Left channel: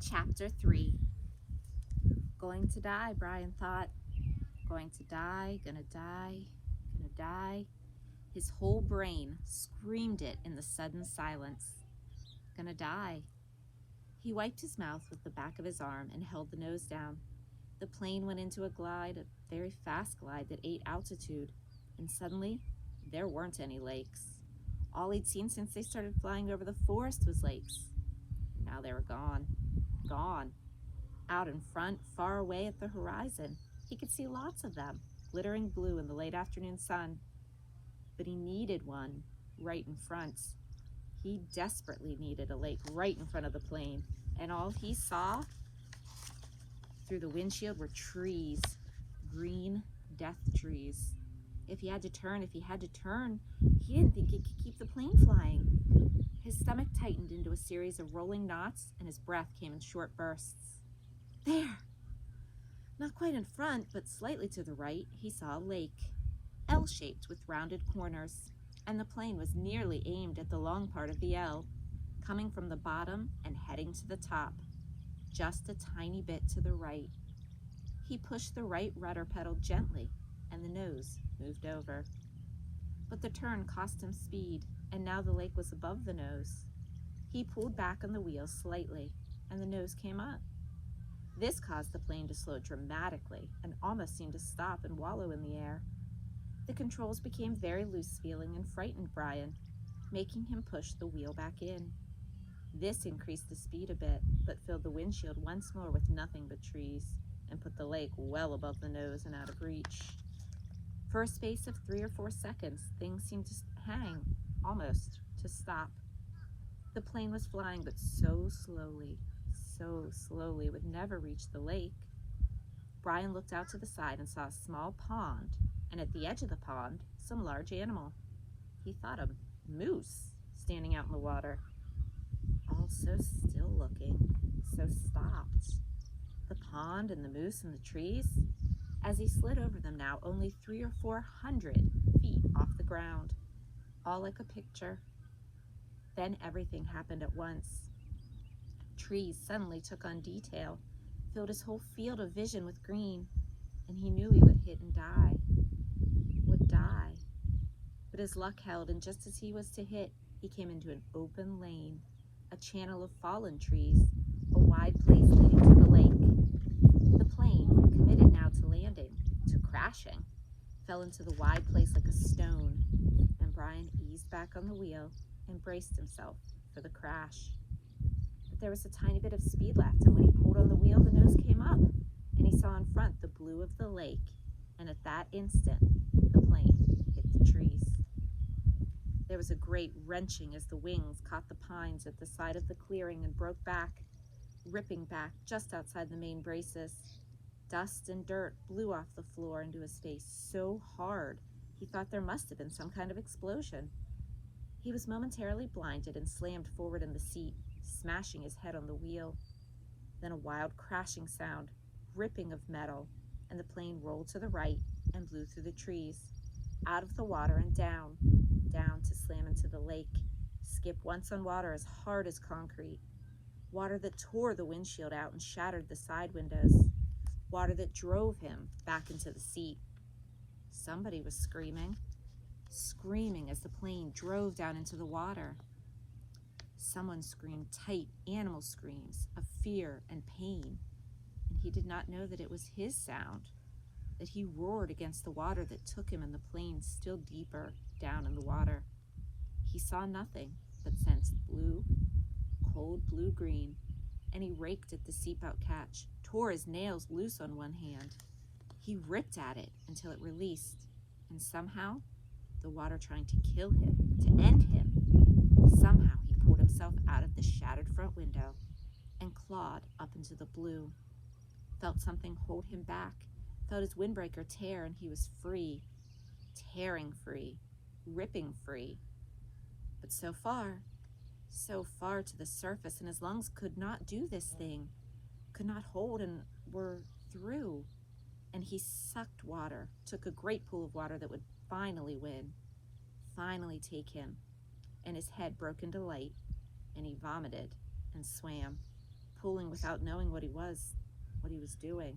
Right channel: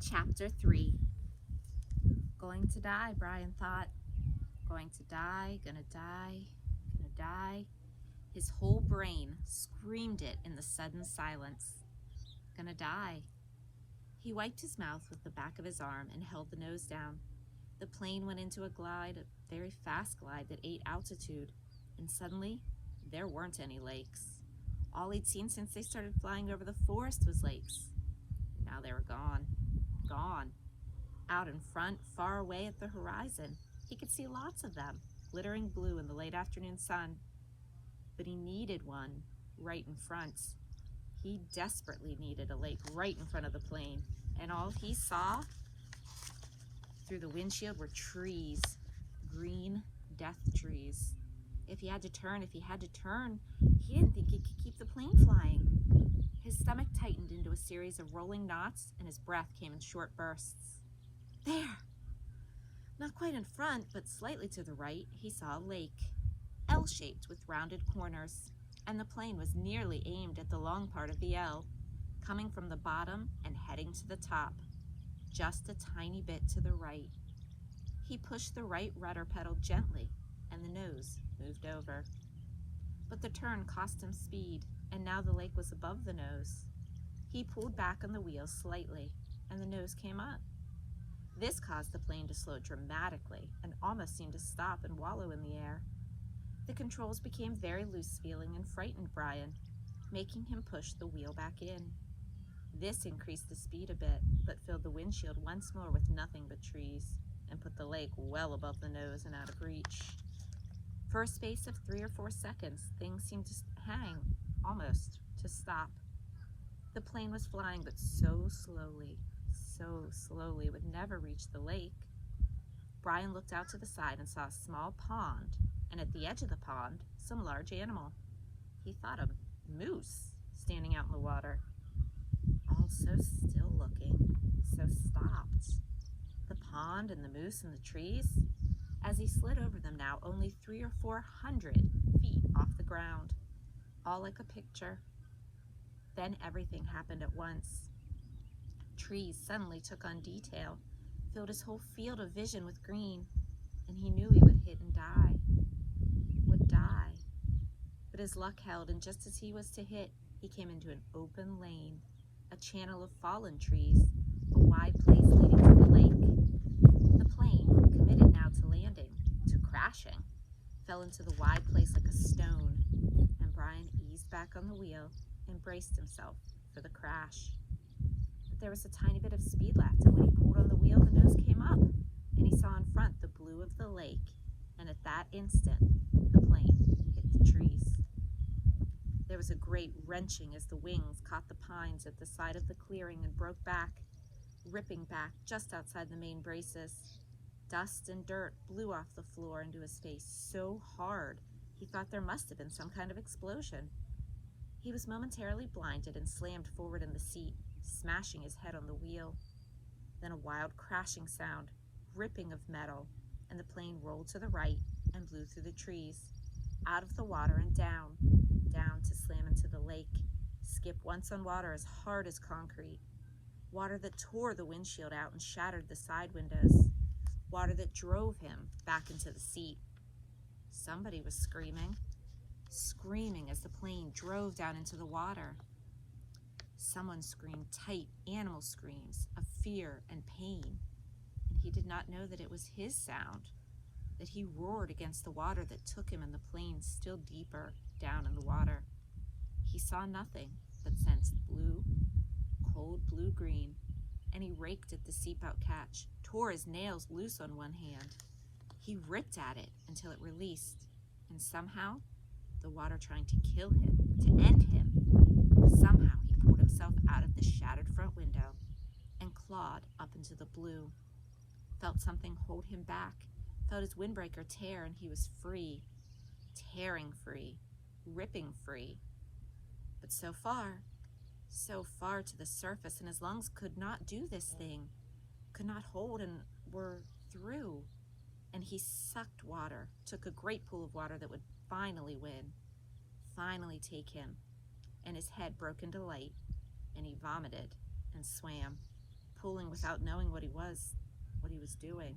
Chapter 3. Going to die, Brian thought. Going to die, gonna die, gonna die. His whole brain screamed it in the sudden silence. Gonna die. He wiped his mouth with the back of his arm and held the nose down. The plane went into a glide, a very fast glide that ate altitude, and suddenly there weren't any lakes. All he'd seen since they started flying over the forest was lakes. Now they were gone. Gone. Out in front, far away at the horizon, he could see lots of them, glittering blue in the late afternoon sun. But he needed one right in front. He desperately needed a lake right in front of the plane, and all he saw through the windshield were trees, green death trees. If he had to turn, he didn't think he could keep the plane flying. His stomach tightened into a series of rolling knots, and his breath came in short bursts. There! Not quite in front, but slightly to the right, he saw a lake, L-shaped with rounded corners, and the plane was nearly aimed at the long part of the L, coming from the bottom and heading to the top, just a tiny bit to the right. He pushed the right rudder pedal gently, and the nose moved over. But the turn cost him speed, and now the lake was above the nose. He pulled back on the wheel slightly, and the nose came up. This caused the plane to slow dramatically and almost seemed to stop and wallow in the air. The controls became very loose-feeling and frightened Brian, making him push the wheel back in. This increased the speed a bit, but filled the windshield once more with nothing but trees, and put the lake well above the nose and out of reach. For a space of 3 or 4 seconds, things seemed to hang, almost to stop. The plane was flying, but so slowly it would never reach the lake. Brian looked out to the side and saw a small pond, and at the edge of the pond, some large animal. He thought a moose standing out in the water. All so still looking, so stopped. The pond and the moose and the trees. As he slid over them now, only 300 or 400 feet off the ground, all like a picture. Then everything happened at once. Trees suddenly took on detail, filled his whole field of vision with green, and he knew he would hit and die. Would die. But his luck held, and just as he was to hit, he came into an open lane, a channel of fallen trees, a wide place leading to the lake. The plane, committed now to landing, to crashing, fell into the wide place like a stone, and Brian eased back on the wheel and braced himself for the crash. But there was a tiny bit of speed left, and when he pulled on the wheel, the nose came up, and he saw in front the blue of the lake, and at that instant, the plane hit the trees. There was a great wrenching as the wings caught the pines at the side of the clearing and broke back, ripping back just outside the main braces. Dust and dirt blew off the floor into his face so hard he thought there must have been some kind of explosion. He was momentarily blinded and slammed forward in the seat, smashing his head on the wheel. Then a wild crashing sound, ripping of metal, and the plane rolled to the right and blew through the trees, out of the water and down to slam into the lake, skip once on water as hard as concrete. Water that tore the windshield out and shattered the side windows. Water that drove him back into the seat. Somebody was screaming as the plane drove down into the water. Someone screamed tight animal screams of fear and pain, and he did not know that it was his sound, that he roared against the water that took him and the plane still deeper down in the water. He saw nothing, but sensed blue, cold blue-green, and he raked at the seatbelt catch, tore his nails loose on one hand. He ripped at it until it released, and somehow, the water trying to kill him, to end him, somehow he pulled himself out of the shattered front window and clawed up into the blue. Felt something hold him back, felt his windbreaker tear, and he was free, tearing free, ripping free. But so far to the surface, and his lungs could not do this thing, could not hold, and were through. And he sucked water, took a great pool of water that would finally win, finally take him, and his head broke into light, and he vomited and swam, pulling without knowing what he was doing,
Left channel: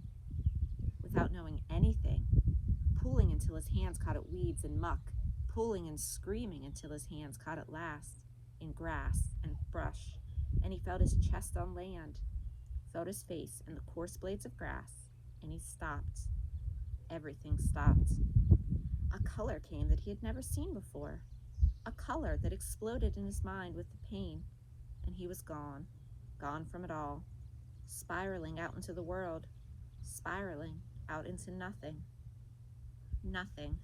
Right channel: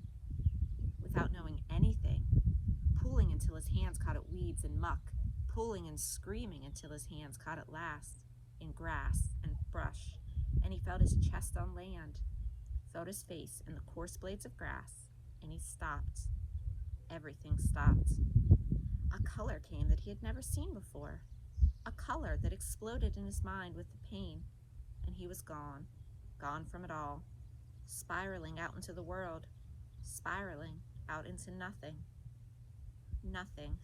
without knowing anything, pulling until his hands caught at weeds and muck, pulling and screaming until his hands caught at last in grass and brush, and he felt his chest on land, felt his face in the coarse blades of grass, and he stopped. Everything stopped. A color came that he had never seen before, a color that exploded in his mind with the pain, and he was gone from it all, spiraling out into the world, spiraling out into nothing. Nothing.